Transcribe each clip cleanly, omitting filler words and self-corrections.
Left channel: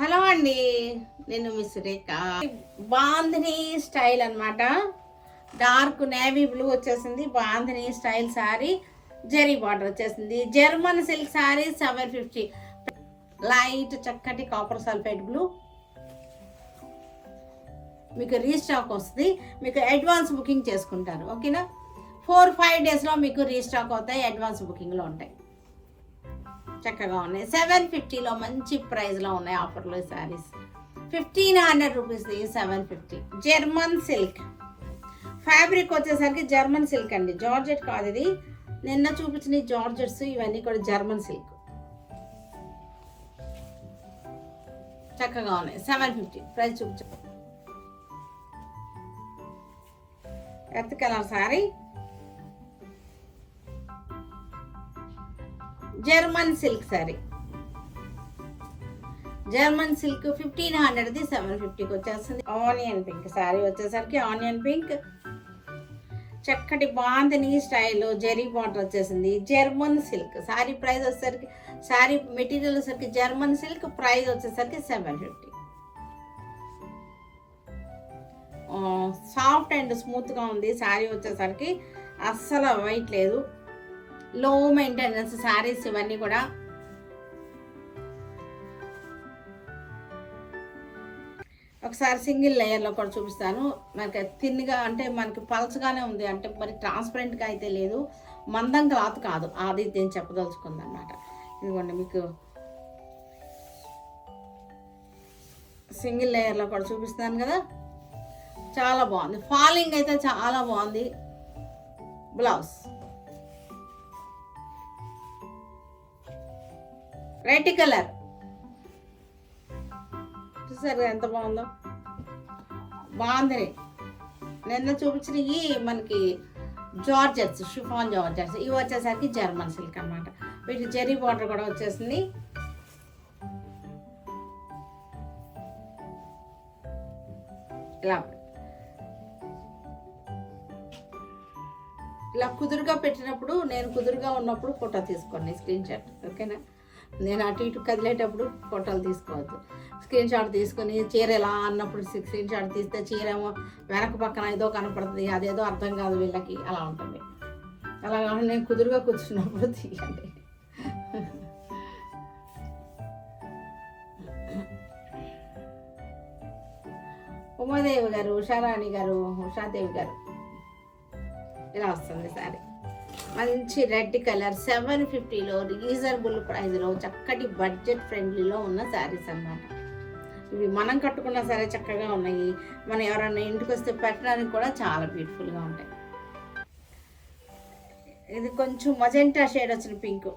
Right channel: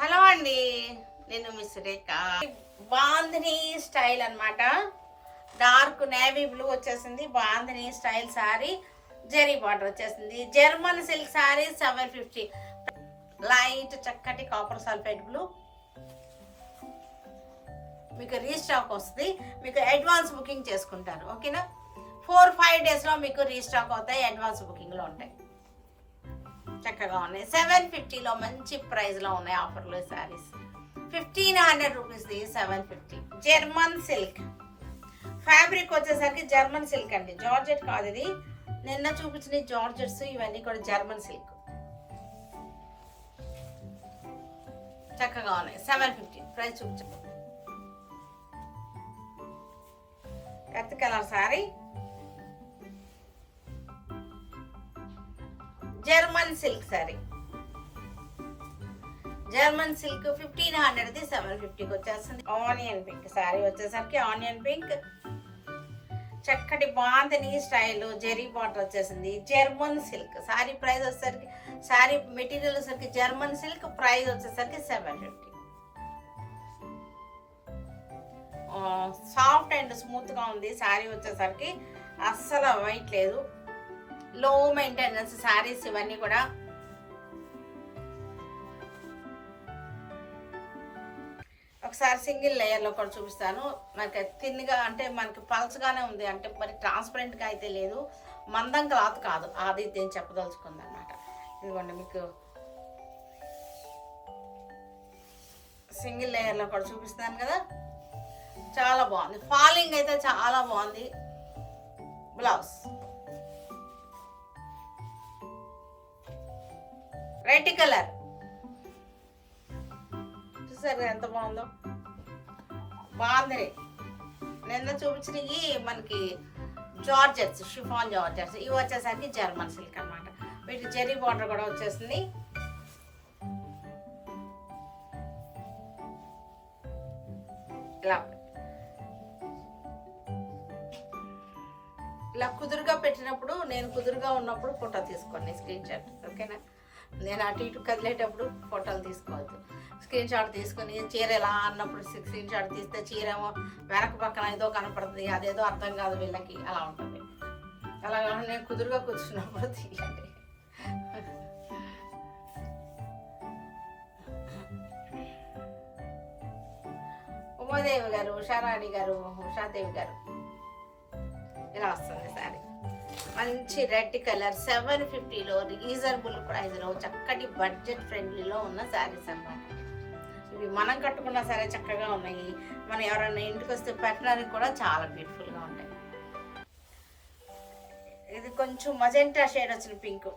Hello అండి, నేను miss Rekha. Bandhani style అన్నమాట. డార్క్ నేవీ బ్లూ వచ్చేసింది. బాంధిని స్టైల్ సారీ, జెరీ బార్డర్ వచ్చేసింది. German silk sari 750. లైట్ చక్కటి కాపర్ సల్ఫేట్ బ్లూ. మీకు రీస్టాక్ వస్తుంది. మీకు అడ్వాన్స్ బుకింగ్ చేసుకుంటారు, ఓకేనా? 4-5 డేస్లో మీకు రీస్టాక్ అవుతాయి. అడ్వాన్స్ బుకింగ్లో ఉంటాయి. చక్కగా ఉన్నాయి. 750లో మంచి ప్రైస్లో ఉన్నాయి ఆఫర్లో ఈ శారీస్. 1500 రూపీస్ది 750. జర్మన్ సిల్క్ ఫ్యాబ్రిక్ వచ్చేసరికి జర్మన్ సిల్క్ అండి, జార్జెట్ కాదు ఇది. నిన్న చూపించిన జార్జెట్స్ ఇవన్నీ కూడా జర్మన్ సిల్క్. చక్కగా ఉన్నాయి. 750 ప్రైస్ చూపించు. Earth colour sari, German silk sari. German silk 1500ది 750కి వచ్చేస్తుంది. ఆనియన్ పింక్ సారీ వచ్చేసరికి ఆనియన్ పింక్, చక్కటి బాంధిని స్టైల్ జెరీ బార్డర్ వచ్చేసింది. జర్మన్ సిల్క్ సారీ ప్రైస్ వచ్చేసరికి, సారీ మెటీరియల్ వచ్చేసరికి జర్మన్ సిల్క్, ప్రైస్ వచ్చేసరికి 750. సాఫ్ట్ అండ్ స్మూత్ గా ఉంది సారీ వచ్చేసరికి, అస్సలు వెయిట్ లేదు. లో మెయింటెనెన్స్ శారీస్ ఇవన్నీ కూడా. ఒకసారి సింగిల్ లేయర్లో కూడా చూపిస్తాను. మనకి థిన్గా అంటే మనకి పల్చగానే ఉంది, అంటే మరి ట్రాన్స్పరెంట్గా అయితే లేదు, మందం క్లాత్ కాదు, అది నేను చెప్పదలుచుకుంది అనమాట. ఇదిగోండి మీకు సింగిల్ లేయర్లో కూడా చూపిస్తాను కదా, చాలా బాగుంది. ఫాలింగ్ అయితే చాలా బాగుంది. బ్లౌజ్ రెడ్ కలర్ చూసారు ఎంత బాగుందో. బాగుంది. నిన్న చూపించినవి మనకి జార్జెట్స్, షిఫాన్ జార్జెట్స్. ఇవి వచ్చేసరికి జర్మన్ సిల్క్ అనమాట. వీటి జెరీ బార్డర్ కూడా వచ్చేసింది. ఇలా కుదురుగా పెట్టినప్పుడు, నేను కుదురుగా ఉన్నప్పుడు ఫోటో తీసుకోండి, స్క్రీన్ షాట్, ఓకేనా? నేను అటు ఇటు కదిలేటప్పుడు ఫోటోలు తీసుకోవద్దు. స్క్రీన్ షాట్ తీసుకొని చీర ఎలా అన్నప్పుడు స్క్రీన్ షాట్ తీస్తే చీర ఏమో వెనక పక్కన ఏదో కనపడుతుంది, అదేదో అర్థం కాదు వీళ్ళకి, అలా ఉంటుంది. అలా కాకుండా నేను కుదురుగా కూర్చున్నప్పుడు తీయండి. ఉమాదేవి గారు, ఉషారాణి గారు, ఉషాదేవి గారు, ఇలా వస్తుంది సారీ. మంచి రెడ్ కలర్ 750లో రీజనబుల్ ప్రైస్లో చక్కటి బడ్జెట్ ఫ్రెండ్లీలో ఉన్న శారీస్ అన్నమాట. ఇవి మనం కట్టుకున్నా సరే చక్కగా ఉన్నాయి. మనం ఎవరైనా ఇంటికి వస్తే పెట్టడానికి కూడా చాలా బ్యూటిఫుల్గా ఉంటాయి. ఇది కొంచెం మజెంటా షేడ్ వచ్చిన పింక్.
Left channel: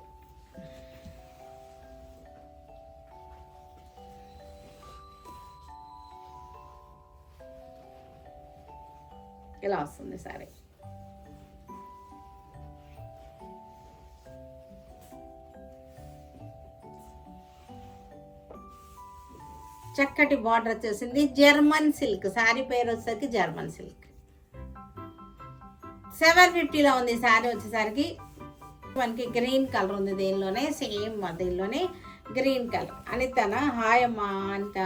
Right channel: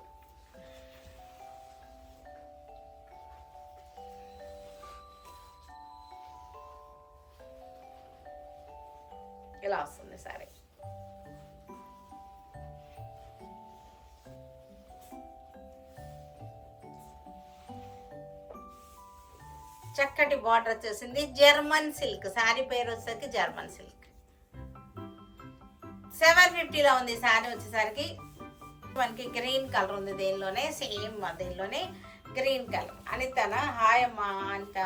ఇలా వస్తుంది సారీ. చక్కటి బార్డర్ వచ్చేసింది. జర్మన్ సిల్క్ సారీ పేరు వచ్చేసరికి జర్మన్ సిల్క్. 750లో ఉంది సారీ వచ్చేసరికి. మనకి గ్రీన్ కలర్ ఉంది దీనిలోనే, సేమ్ దీనిలోనే గ్రీన్ కలర్. అనితనా? హాయ్ అమ్మా Anitha.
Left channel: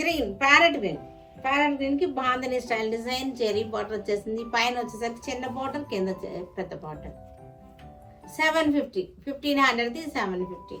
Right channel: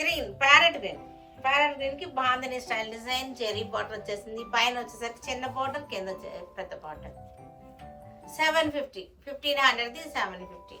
Green, parrot green. Parrot green కి bandhani style design zari border వచ్చేసింది. పైన వచ్చేసరికి చిన్న బార్డర్, కింద పెద్ద బార్డర్. 750, 1500ది 750.